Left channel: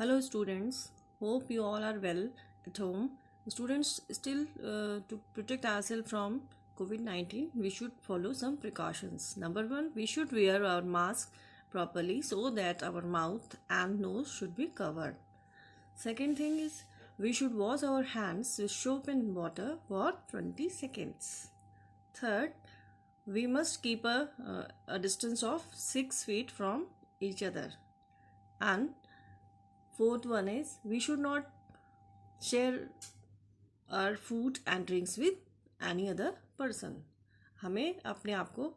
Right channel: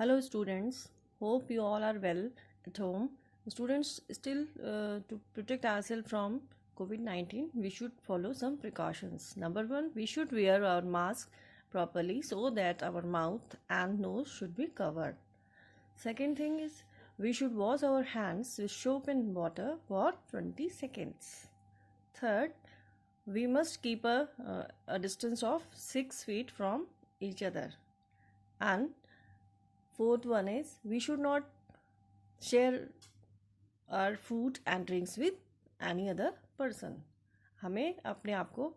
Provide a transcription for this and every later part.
Hello students, hope you all are well at home. Students, still to protect ourselves from COVID-19, we should follow some precautions. Number one, we should wear our mask properly so that our mouth and nose should be covered. Second thing is, we should wash our hands with soap and water for 20 seconds. Third, we must keep a distance of 6 feet from each other. And fourth one is, we should not share our food and drinks with any other person. हमें अपने आप को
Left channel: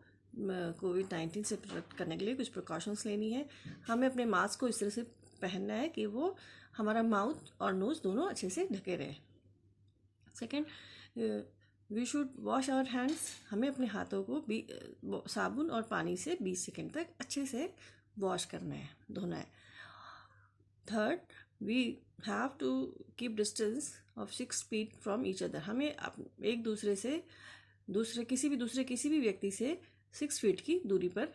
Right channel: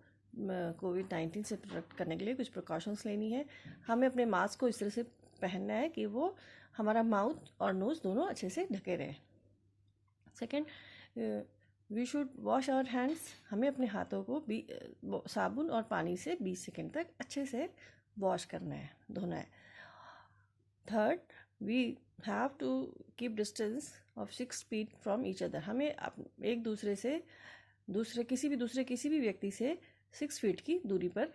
कोविड-19 से protect करने के लिए कुछ precautions लेनी है. हमें अपने मास्क को इस तरह से पहनना है कि वो हमारा माउथ और नोज़ दोनों अच्छे से ढके रहे. Second, we should wash our hands. हमें अपने हाथों को साबुन और पानी से 20 सेकेंड तक अच्छे से वॉश करना है, धोना है. Third, we have to keep distance of 6 feet from each other. हमें एक दूसरे से किसी भी व्यक्ति से 6 फीट की दूरी पर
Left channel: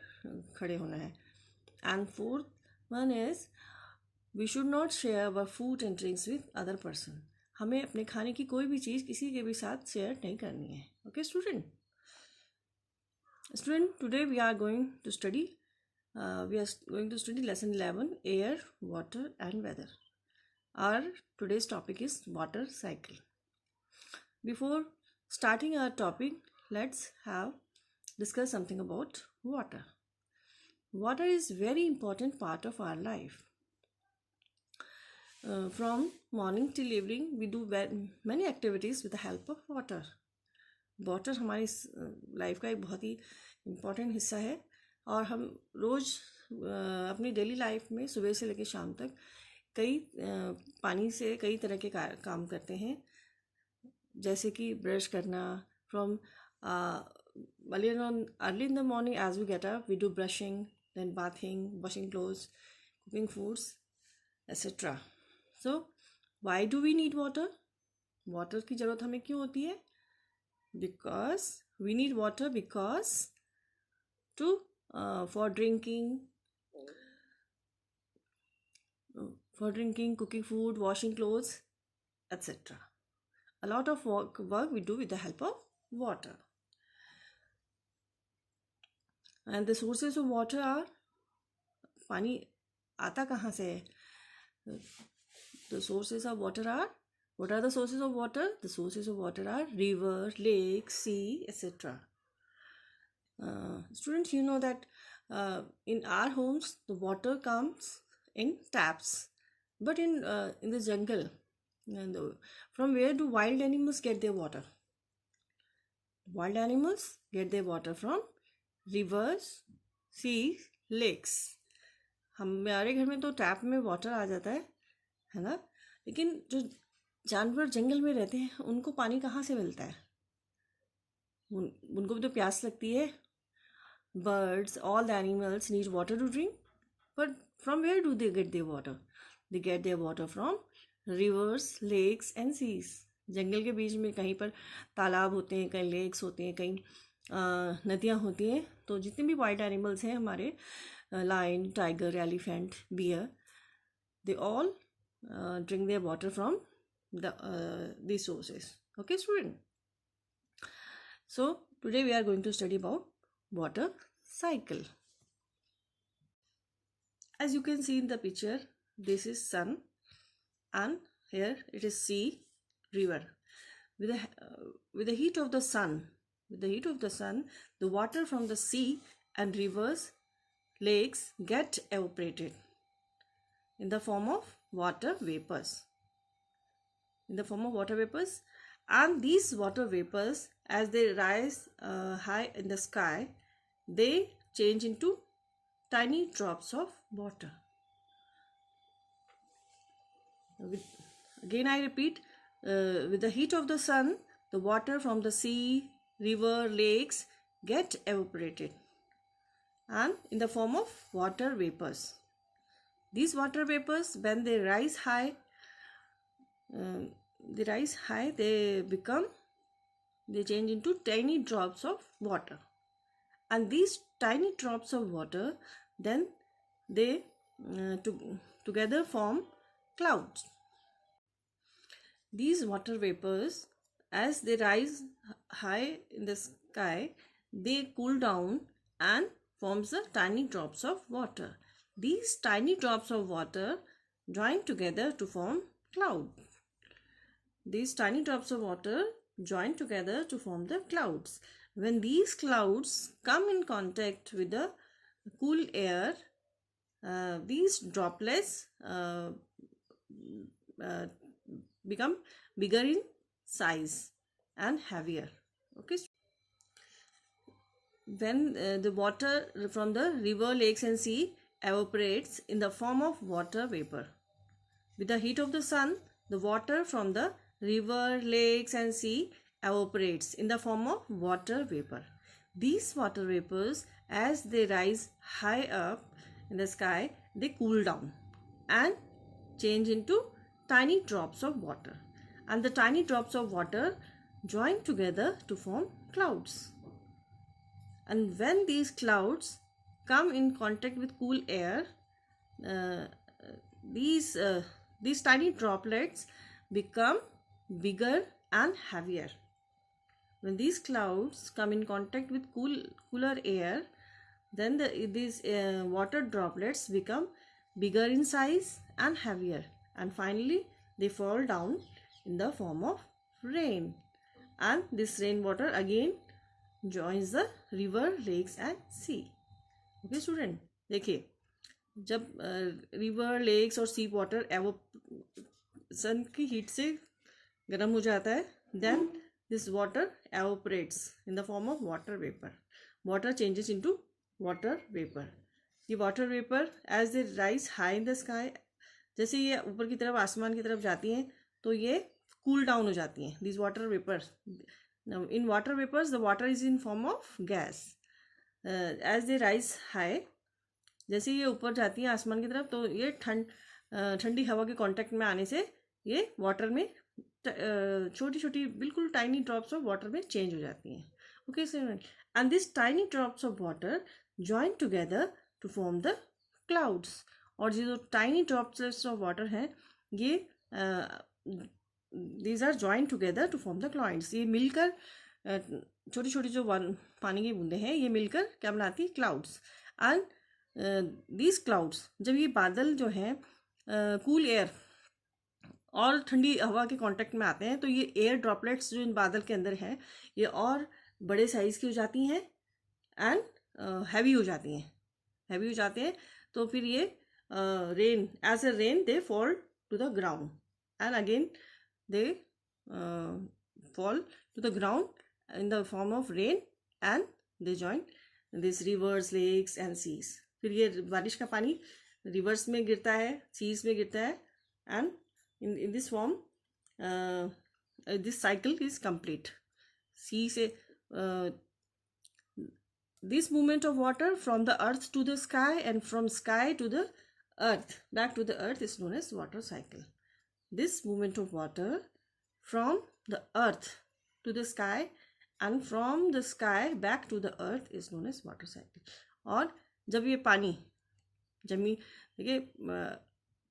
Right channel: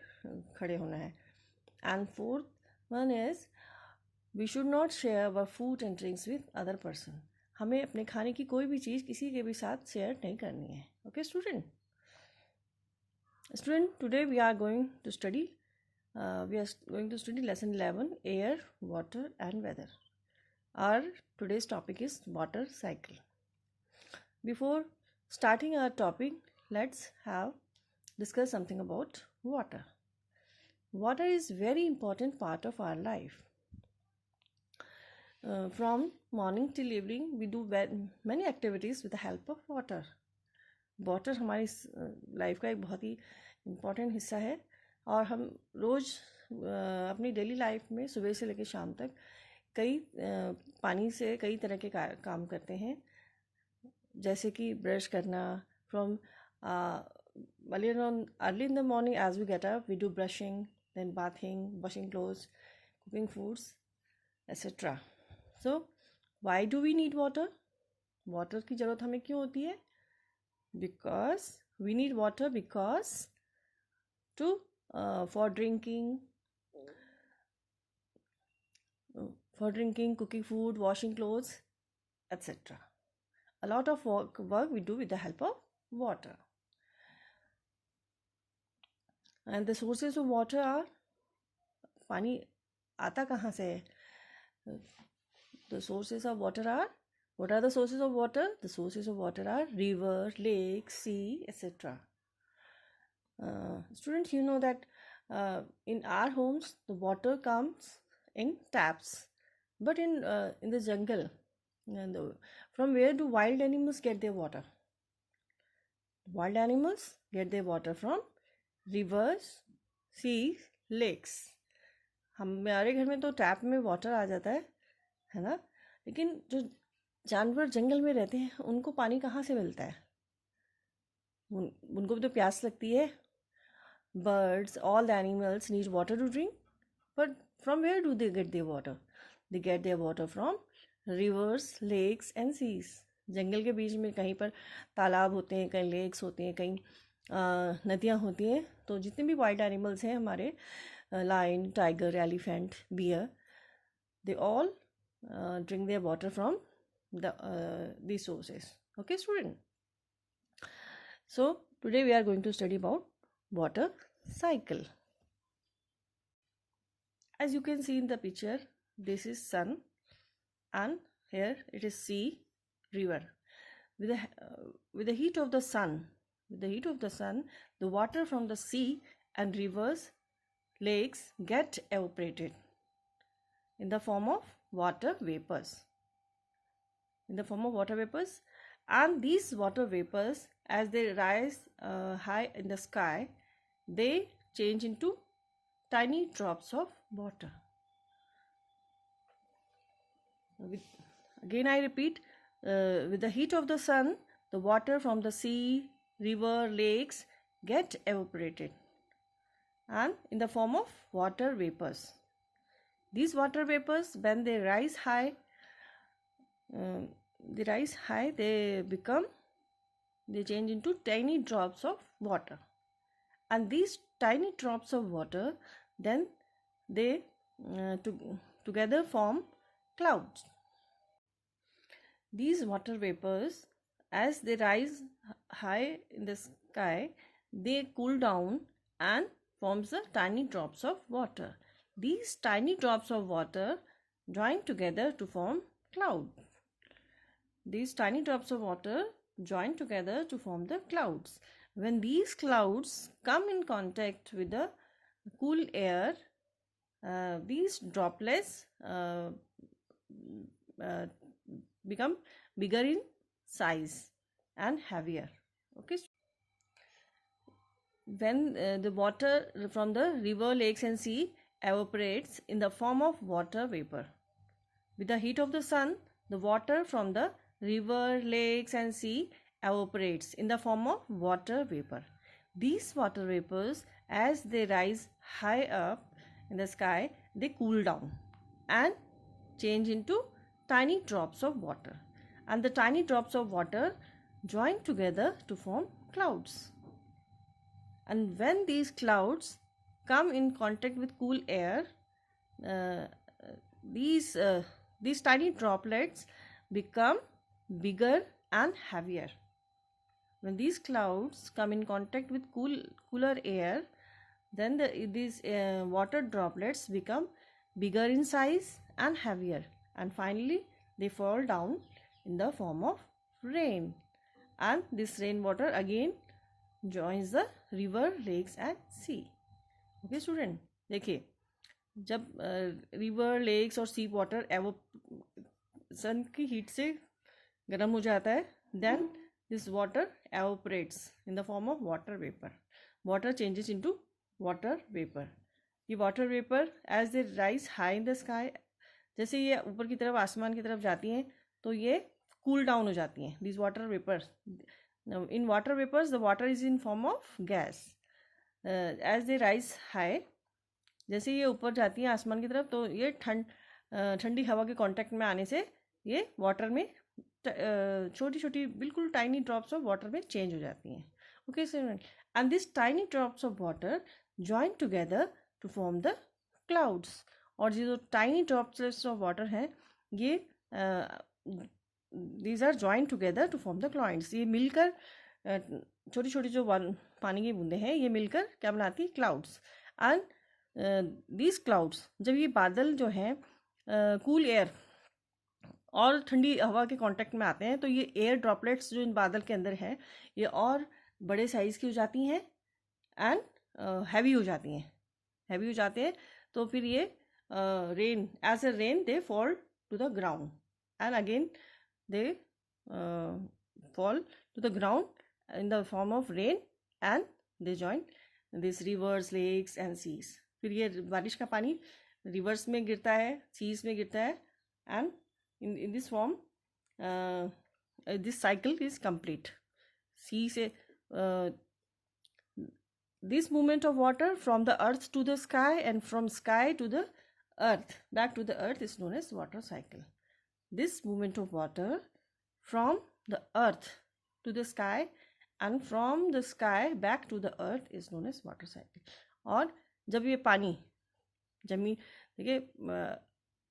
खड़े होना है. And fourth one is, we should not share our food and drinks with other person. हमें अपने खाने की कोई भी चीज़ किसी के भी साथ शेयर नहीं करनी है. Okay student, today we are going to study lesson 11, air, water and weather. Our today's topic is water cycle. Before starting our topic, let's discuss something about water. Water is very important part of our life. From morning till evening, we do many activities with the help of water. Water हमारी life का एक बहुत ही important हिस्सा है और हम रोज़ अपनी daily life में सुबह से लेकर शाम तक पानी से कई तरह के काम करते हैं, जैसे कि ब्रश करना. From early in the morning as we get up, we do brushing, then bathing, washing clothes, cooking foods etcetera. So why do we need water? Water की ज़रूरत हमें क्यों होती है? Because we need water because for drinking, cooking food, washing clothes, etc. A lot of work we do with the help of water. And the sources of water are, पानी आता कहाँ से है? The sources of water are, what are the sources of water? The sources of water are river, lake, sea, etc. Students, you know that in our homes the water comes in taps, but in the jungle, from where do wild animals get their water? Wild animals get their water from rivers, seas, lakes. हमारे घर में तो tap में water आ जाता है ना, लेकिन जो जानवर जंगल में रहते हैं उनको पानी कहाँ से मिलता है? उनको भी तो प्यास लगती है. Birds, all the animals need water to drink, but from where do they get their water? They get their water from rivers, lakes and seas. जंगल के बीच में कहीं पर तालाब होते हैं, कहीं लेक्स होते हैं, कहीं नदियाँ होती हैं. तो जितने भी वाइल्ड एनिमल्स हैं हमारे, lion, tiger, elephant, bear, they all drink their water from these sources. Okay student, so today we are going to study about water cycle. As you can see in the picture, this is sun and here it is sea, river. With the heat of the sun, the water from the sea and rivers, lakes get evaporated in the form of water vapors. And these water vapors, as they rise high in the sky, they change into tiny drops of water. Again I repeat, with the heat of the sun, the water from the sea, river, lakes get evaporated and in the form of water vapors. These water vapors, when they rise high, they change into tiny drops of water, and these tiny drops of water, then they together form clouds. These water vapors, as they rise high in the sky, they cool down and forms the tiny drops of water. These tiny drops of water join together to form cloud. These tiny drops of water join together to form the clouds. When these clouds come in contact with the cool air, these droplets become bigger in size and heavier. Okay. When the water from the river, lakes and sea evaporates in the form of water vapor. With the heat of the sun, the water from the river, lakes and sea evaporates in the form of water vapor. These water vapors, as they rise high up in the sky, they cool down and change into tiny drops of water. And the tiny drops of water join together to form clouds. And when these clouds come in contact with cool air, these tiny droplets become bigger and heavier. When these clouds come in contact with cooler air, then these water droplets become bigger in size and heavier, and finally they fall down in the form of rain. And this rainwater again joins the river, lakes and sea. Okay student, देखिए जब river, lakes और सी water सन की heat से गर्म हो जाता है, then this water evaporates in the form of water vapour. Water changes into water vapour. ये water vapour as they rise high in the sky, जैसे ये ऊपर की तरफ आसमान की तरफ जाती हैं तो ये कूल डाउन हो जाती हैं. This water vapors, in water vapors the water is in form of gas. As they rise high, जैसे ये ऊपर जाती हैं आसमान की तरफ तो ये ठंडी हवा के कांटेक्ट में आने से ये वाटर में छोटी छोटी बिल्कुल टाइनी ड्रॉप्स ऑफ वाटर में चेंज हो जाती हैं. Okay sir, and this tiny drops of water join together to form the clouds. और ये जो टाइनी ड्रॉप्स ऑफ वाटर हैं ये these are join together to form the clouds. ये मिलकर छोटी छोटी जो पानी की बूंदें हैं ये मिलकर क्या बनाती है? क्लाउड्स. एंड दीज क्लाउड्स, जब ये बादल जो हैं कूल एयर और ठंडी हवा के कांटेक्ट में आते हैं तो ये एयर ड्रॉपलेट्स जो इन बादल के अंदर हैं ये और बड़े साइज़ की हो जाती हैं एंड हैवी हो जाती हैं. हैवी हो जाते हैं तो फिर ये rain, as a rain they fall to the ground and again they fall to the ground in the form of rain and they join this rivers, lakes and seas. फिर ये बारिश का पानी रिवर्स में गिरता है, सीज में गिरता है, and in this form this cycle is complete. See say this movement of water from the earth to the sky and from sky to the earth back to the earth is known as water cycle. This movement of water from the earth to the sky and from the sky back to the earth is known as water cycle. और जब ये पानी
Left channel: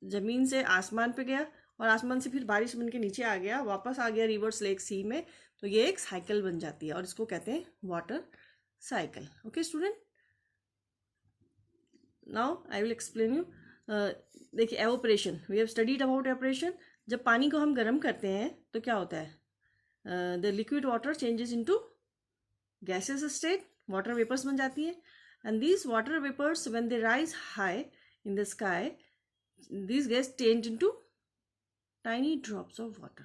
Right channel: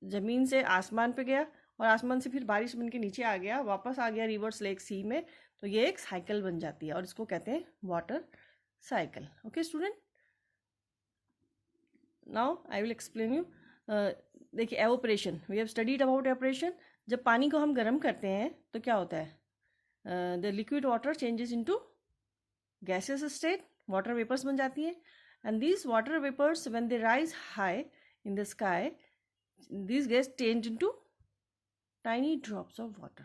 जमीन से आसमान पे गया और आसमान से फिर बारिश बन के नीचे आ गया, वापस आ गया रिवर्स, लेक, सी में, तो ये एक साइकिल बन जाती है और इसको कहते हैं water cycle. Okay student, now I will explain you. देखिए evaporation, we have studied about evaporation. जब पानी को हम गर्म करते हैं तो क्या होता है? The liquid water changes into gases state, water vapors बन जाती है. And these water vapors when they rise high in the sky, this gas change into tiny drops of water.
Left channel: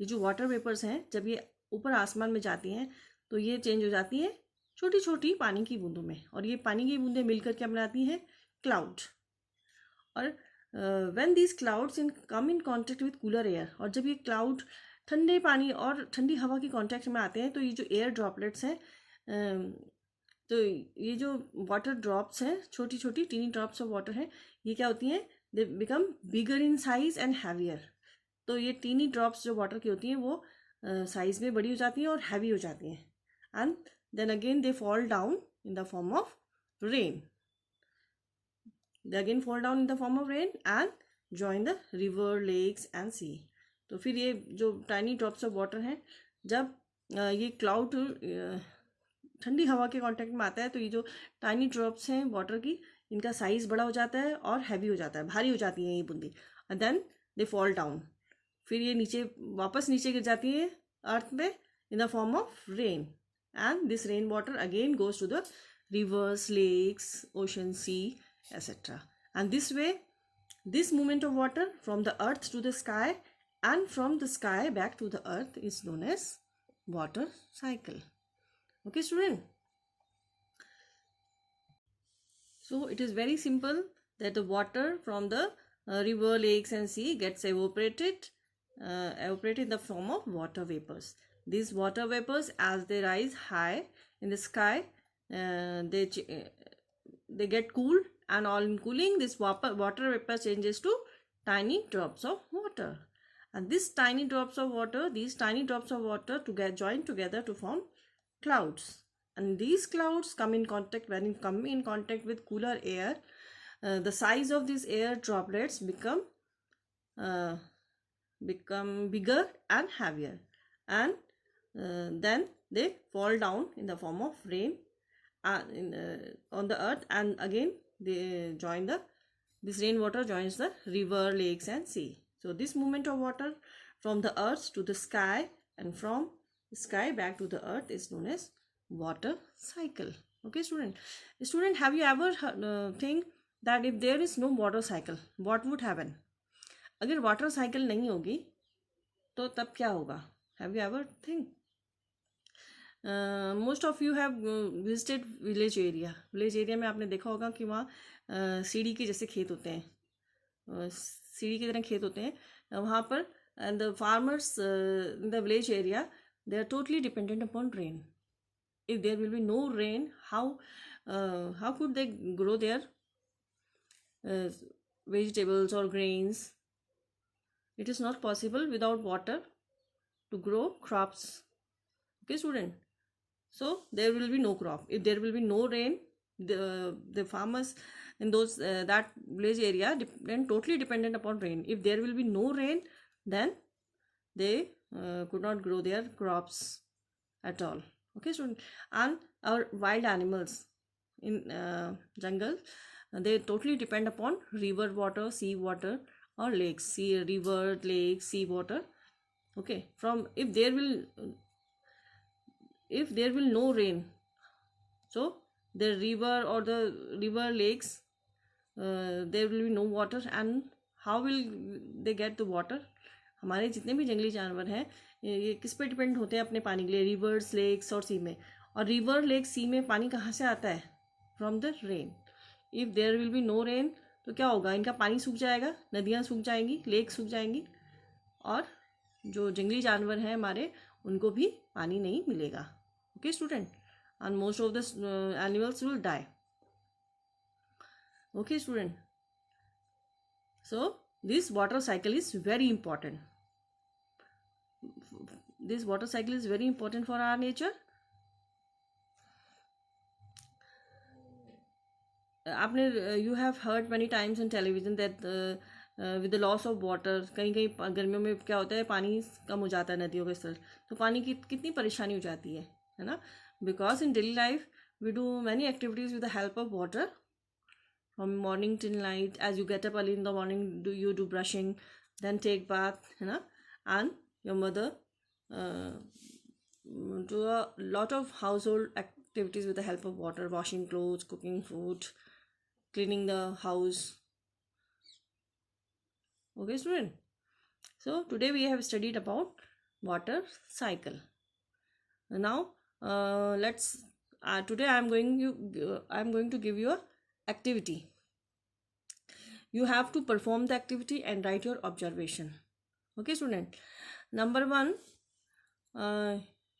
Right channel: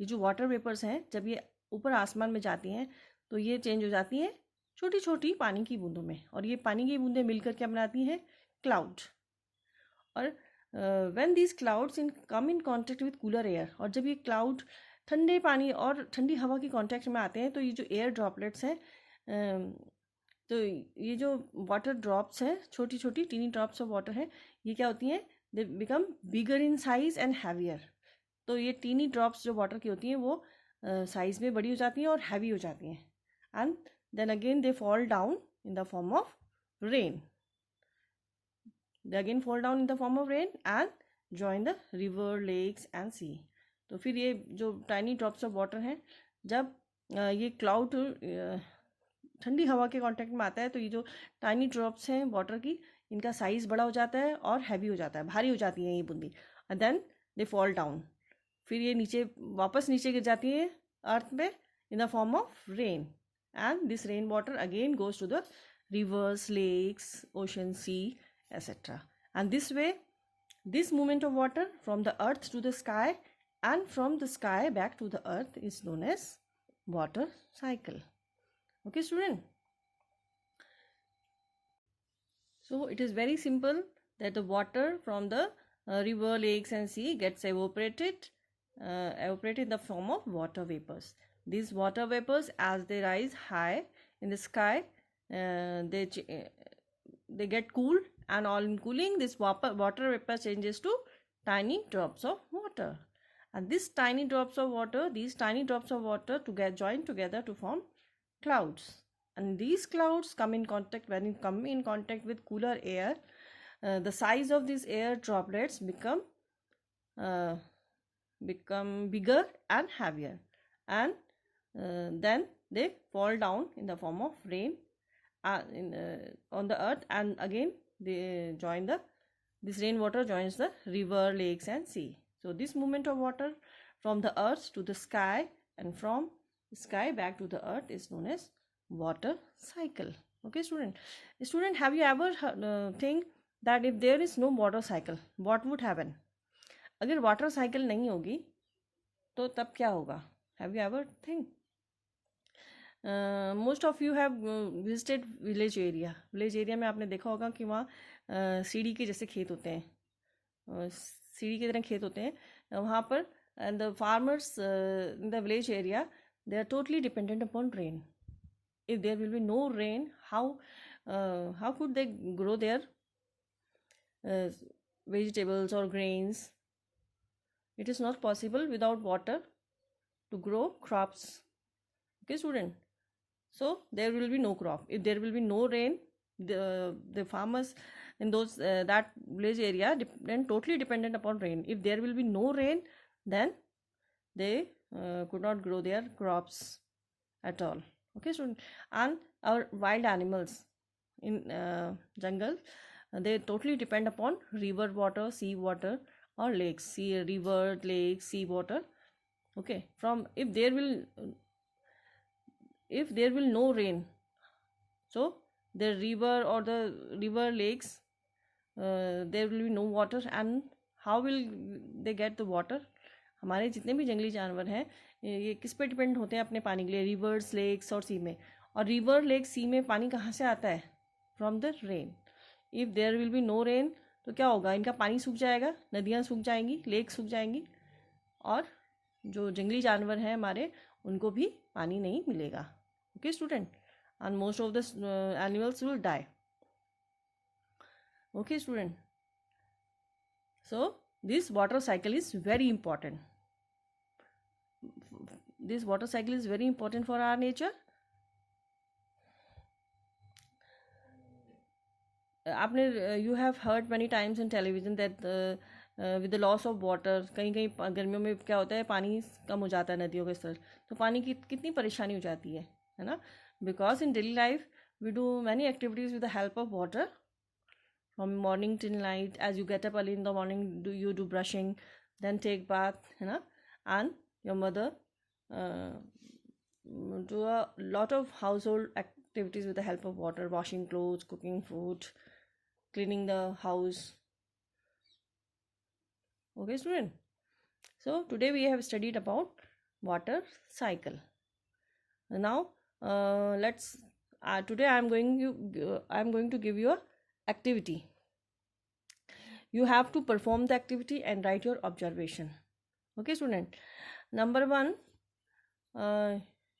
ये जो वाटर वेपर्स हैं जब ये ऊपर आसमान में जाती हैं तो ये चेंज हो जाती हैं छोटी छोटी पानी की बूंदों में, और ये पानी की बूंदें मिलकर क्या बनाती हैं? क्लाउड. और when these clouds come in contact with cooler air, और जब ये क्लाउड ठंडे पानी और ठंडी हवा के कांटेक्ट में आते हैं तो ये जो एयर ड्रॉपलेट्स हैं, तो ये जो वाटर ड्रॉप्स हैं, छोटी छोटी टीनी ड्रॉप्स ऑफ वाटर हैं, ये क्या होती हैं? They become bigger in size and heavier. तो ये टीनी ड्रॉप्स जो वाटर की होती हैं वो साइज में बड़ी हो जाती हैं और हैवी हो जाती हैं, and then again they fall down in the form of rain. They again fall down in the form of rain and join the river, lakes and sea. तो फिर ये जो tiny drops of water हैं, जब ये cloud ठंडी हवा के कांटेक्ट में आता है तो ये जो टाइनी ड्रॉप्स हैं वाटर की, इनका साइज बड़ा हो जाता है और हैवी हो जाता है, भारी हो जाती हैं ये बूंदी, and then they fall down. फिर ये वापस नीचे गिर जाती है अर्थ पे in the form of rain, and this rain water again goes to the rivers, lakes, ocean, sea, etc. And this way, this movement of water from the earth to the sky and from the sky back to the earth is known as water cycle. Okay, student? So it is very simple that the water from the river, lakes and sea gets evaporated in the form of water vapors. These water vapors, as they rise high in the sky, they get cooled, and on cooling, this water vapor changes to tiny drops of water, and these tiny drops of water join together to form clouds, and these clouds come in contact with cooler air. The size of these air droplets become bigger and heavier, and then they fall down in the form of rain on the earth, and again they join this rainwater joins the river, lakes and sea. So this movement of water from the earth to the sky and from the sky back to the earth is known as water cycle. Okay, student, have you ever think that if there is no water cycle, what would happen? अगर water cycle नहीं होगी तो तब क्या होगा? Have you ever think? Most of you have visited village area में आपने देखा होगा कि वहाँ सीढ़ी के जैसे खेत होते हैं, सीढ़ी की तरह खेत होते हैं वहाँ पर. The farmers in the village area, they are totally dependent upon rain. If there will be no rain, how could they grow their vegetables or grains? It is not possible without water to grow crops. Okay, student? So there will be no crop. If there will be no rain, the farmers in those that village area totally dependent upon rain. If there will be no rain, then they could not grow their crops at all. Okay, student? And our wild animals in jungle, they totally depend upon river water, sea water or lakes. River, lake, sea water. Okay, if there will no rain, so the river or the river, lakes, there will be no water, and how will they get the water? हमारे जितने भी जंगली जानवर हैं ये किस पे depend होते हैं अपने पानी के लिए? रिवर्स, लेक्स और सी में. और रिवर, लेक, सी में पानी कहाँ से आता है? From the rain. If there will be no rain तो क्या होगा? इनका पानी सूख जाएगा, नदियाँ सूख जाएंगी, लेक सूख जाएंगी, और जो जंगली जानवर हैं हमारे उनको भी पानी नहीं मिलेगा. Okay, student? And most of the animals will die. Okay, student? So this water cycle is very important. This water cycle is very important for our nature. You have heard many times in television that with the loss of water, कहीं गर्मियों में क्या होता है, पानी कम हो जाता है नदियों के स्तर, तो पानी की कितनी परेशानी हो जाती है ना? Because in daily life we do many activities with the help of water from morning till night. As you get up early in the morning, you do brushing, then take bath, and your mother do a lot of household activities with the help of water: washing clothes, cooking food, cleaning the house. Okay, student? So today we have studied about water cycle. Now today I am going to give you a activity. You have to perform the activity and write your observation. Okay, student? Number 1,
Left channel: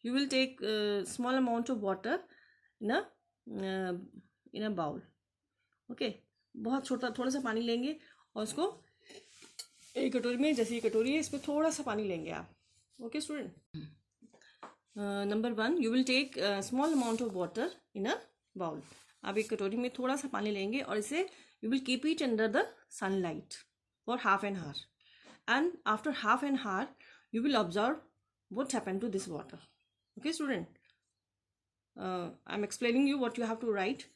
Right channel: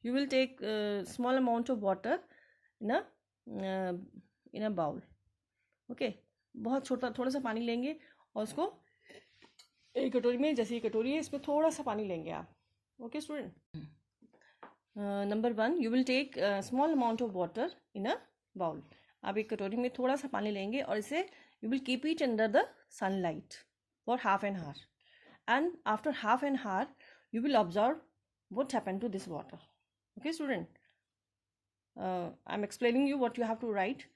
you will take a small amount of water in a bowl. Okay, बहुत छोटा थोड़ा सा पानी लेंगे और उसको एक कटोरी में, जैसे ये कटोरी है इसमें थोड़ा सा पानी लेंगे आप. Okay, student? Number 1, you will take a small amount of water in a bowl. आप एक कटोरी में थोड़ा सा पानी लेंगे और इसे you will keep it under the sunlight. for half an hour, and after half an hour you will observe what happened to this water. Okay student, I'm explaining you what you have to write.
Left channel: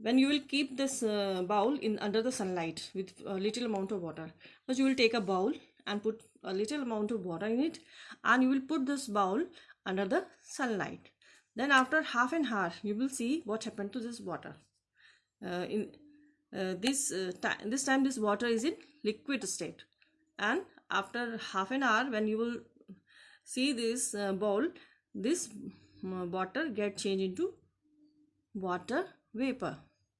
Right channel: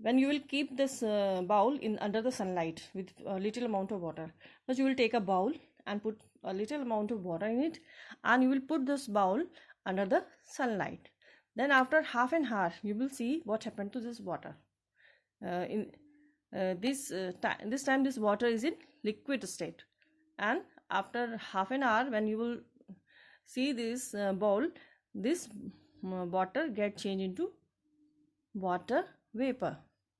When you will keep this bowl in under the sunlight with a little amount of water, but you will take a bowl and put a little amount of water in it, and you will put this bowl under the sunlight. Then after half an hour you will see what happened to this water. In this time this water is in liquid state, and after half an hour when you will see this bowl, this water get changed into water vapor.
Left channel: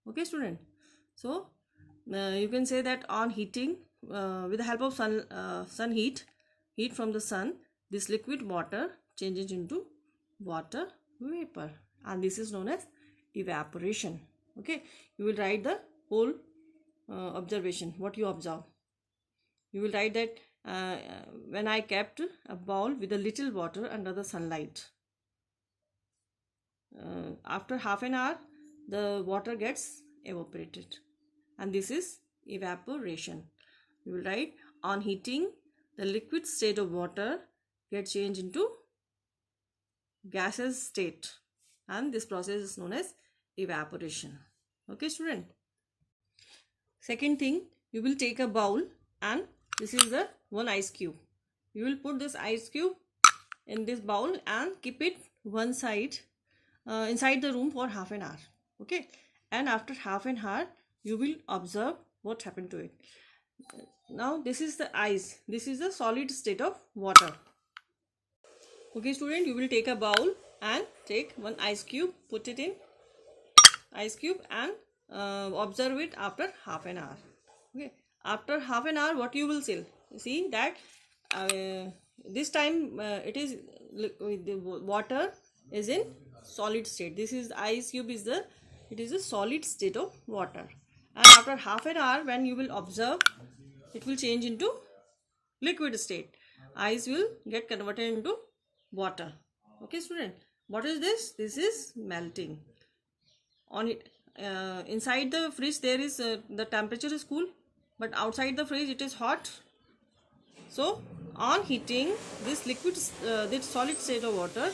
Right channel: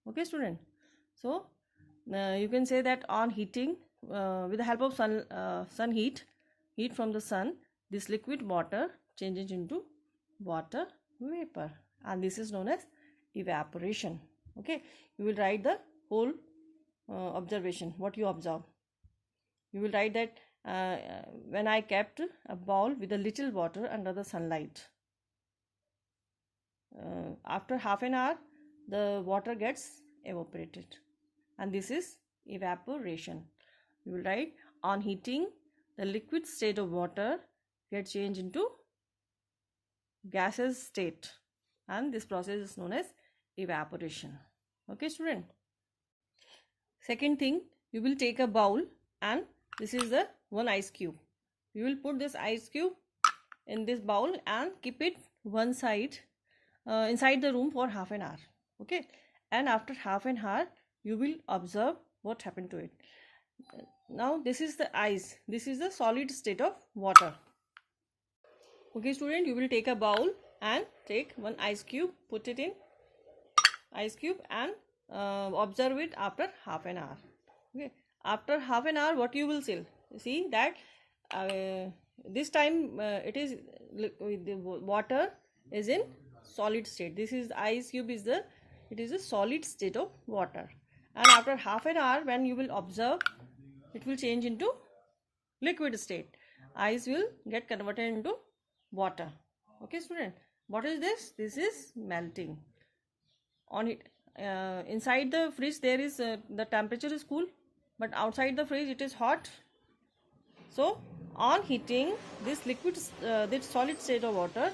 Okay student, so you can say that on heating with the help of sun heat from the sun, this liquid water changes into water vapor, and this is known as evaporation. Okay, you will write the whole observation, what you observe. You will write that when I kept a bowl with a little water under the sunlight, after half an hour the water gets evaporated, and this is evaporation. You will write on heating the liquid state of water gets changed into gaseous state, and this process is known as evaporation. Okay student, second thing, you will take a bowl and this is the one ice cube. You will put this ice cube in this bowl and keep it one side inside the room for half an hour. Okay, and after half an hour you will observe what happened to it. Now this is the ice, this is the solid state of water. Okay student, you will take a bowl and take one ice cube, put it in ice cube and observe it after half an hour. Okay, after half an hour what you will see that this time it is the water is in solid state. This is the ice cube is the, it is a solid state of water, and after half an hour when you will observe, it will change into liquid state. Ice will get converted into water. Okay student, what is this? This is melting. On it inside the fridge there is the temperature is cool, but outside the fridge it is hot. So on heating, this liquid this solid state of water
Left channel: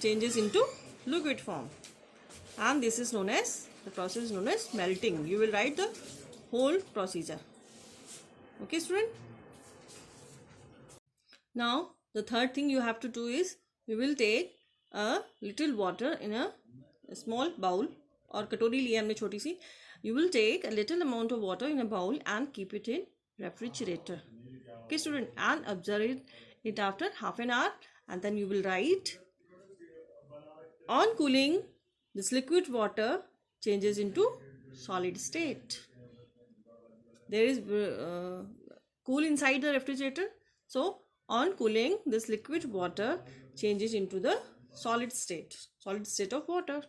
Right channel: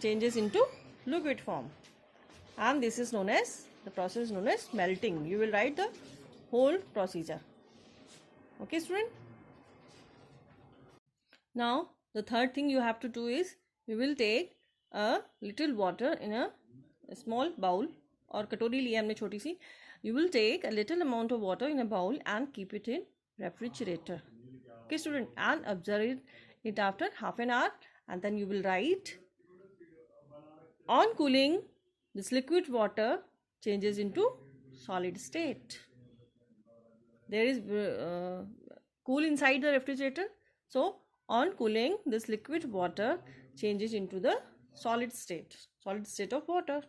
changes into liquid form, and this is known as, the process is known as melting. You will write the whole procedure. Okay student, now the third thing you have to do is you will take a little water in a small bowl, और कटोरी लिया हमने छोटी सी. You will take a little amount of water in a bowl and keep it in refrigerator. Okay student, and observe it after half an hour, and then you will write on cooling this liquid water changes into solid state. There is cool inside the refrigerator, so on cooling this liquid water changes into the solid state of water.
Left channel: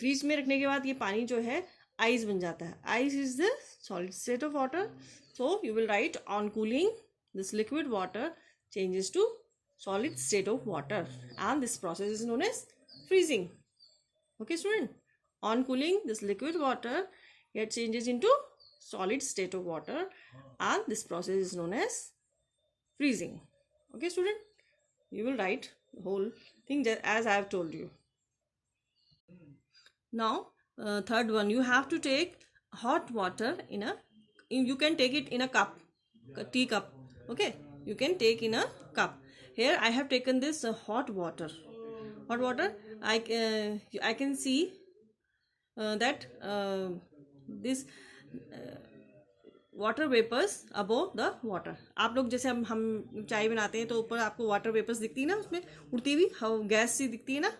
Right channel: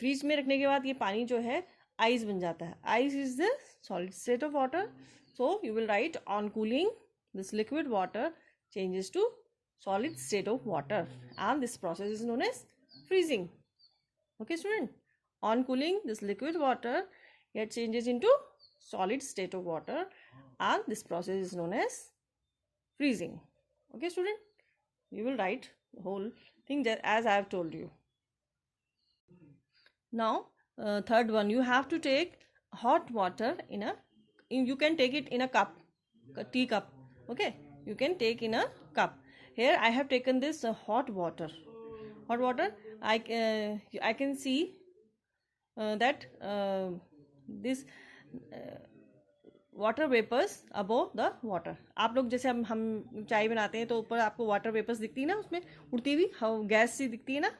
Fridge में रखने के बाद ये पानी जो है ice बन जाता है. Ice is the solid state of water. So you will right on cooling this liquid water changes to solid state of water, and this process is known as freezing. Okay student, on cooling this liquid water it changes into solid state of water, and this process is known as freezing. Okay student, you will write the whole thing as I have told you. Now third one, you have to take hot water in a, you can take it in a cup, a tea cup. Okay, you can take in a cup. Here I have taken this hot water. I can see that this water vapors above the water. आप लोग जैसे हम चाय बनाते हैं तो ऊपर आपको वाटर वेपर्स दिखती है ना, उसमें उड़ती हुई गैस सी दिखती है ना.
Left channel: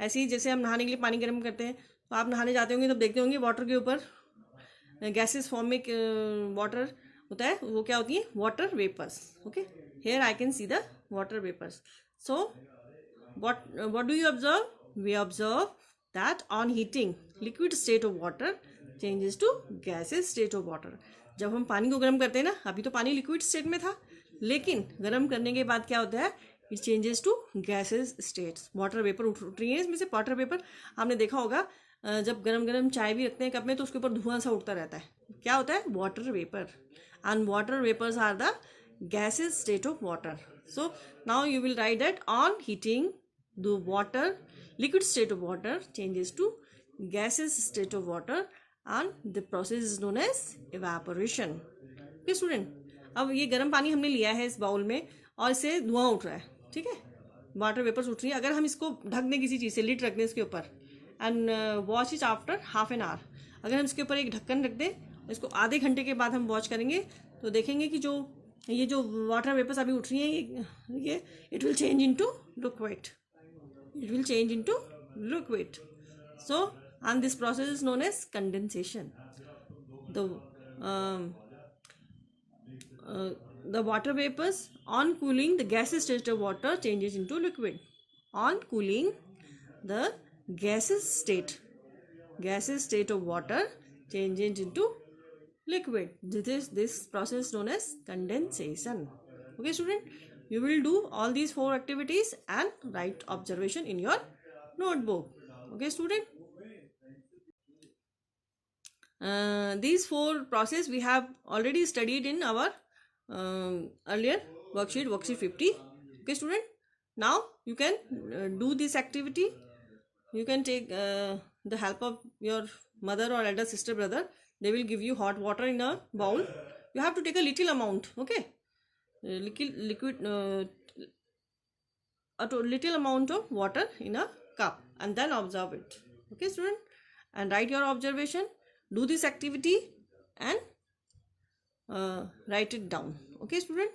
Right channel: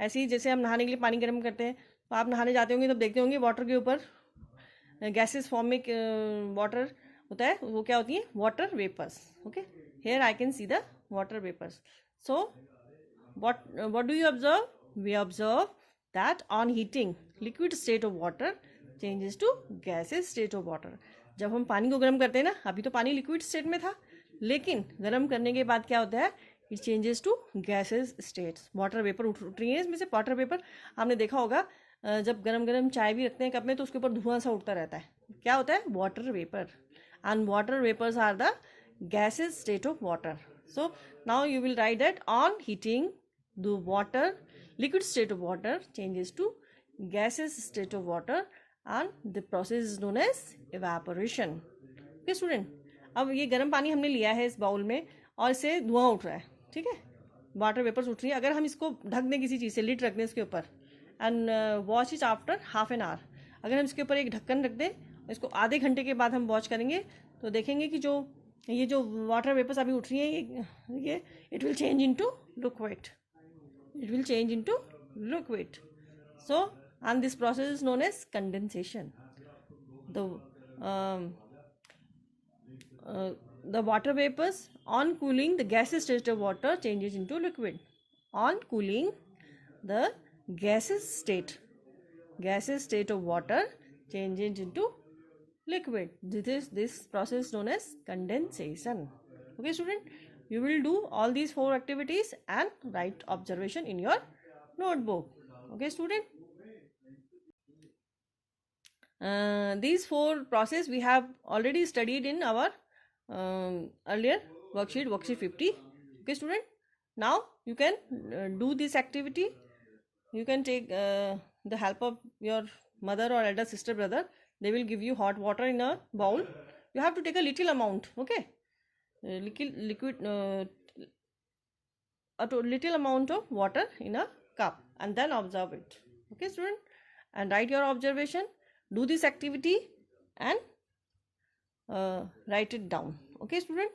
ऐसे ही जैसे हम नहाने के लिए पानी गर्म करते हैं तो आप नहाने जाते होंगे तो देखते होंगे वाटर के ऊपर गैसेस फॉर्म में वाटर होता है, वो क्या होती है? Water vapors. Okay, here I can see the water vapors. So what do you observe? We observe that on heating liquid state of water changes to gaseous state of water. जब हम पानी को गर्म करते हैं ना, अभी तो पानी लिक्विड स्टेट में था, लेकिन गर्म करने के बाद क्या होता है? It changes to gases states. Water vapor उठ रही है इसमें से. वाटर वेपर आपने देखा होगा जब गरम गरम चाय भी रखते हैं कप में तो उसके ऊपर धुआं सा उठता रहता है, क्या होता है? Water vapor. And water vapors are the gaseous state of water. So now you will write that on heating the water, liquid state of water changes to gaseous state of water and the process is known as evaporation. Okay student, अब ये गर्म पानी हमने लिया है इस bowl में और इससे धुआं उठ रहा है, ठीक है, वाटर वेपर्स उठ रही है. अगर हम इसको ढक दें किसी चीज़ से, लिड रख दें इसके ऊपर and wash it after half an hour, अगर हम इसके ऊपर एक ढक्कन रख दें, इसको आधे घंटे के बाद हम वॉश करेंगे तो देखेंगे कि ये जो वाटर वेपर्स अभी उठ रही हैं ये it will change into liquid. It will change into liquid. So and this process is known as condensation. The water vapors on cooling the gaseous state of water changes into liquid. On cooling the gaseous state of water changes into liquid. This process is known as condensation. Okay student, you will do all these 4 activities and write observation in your notebook. Okay student, these 4 process we have already studied in our earlier worksheet 50. Okay student, now you can do this activity. You can take the help of your mother or elder sister, brother. They will give you hot water in a bowl. You have to take a little amount, okay, liquid a little amount of water in a cup and then observe it. Okay student, and write your observation, do this activity and write it down. Okay student.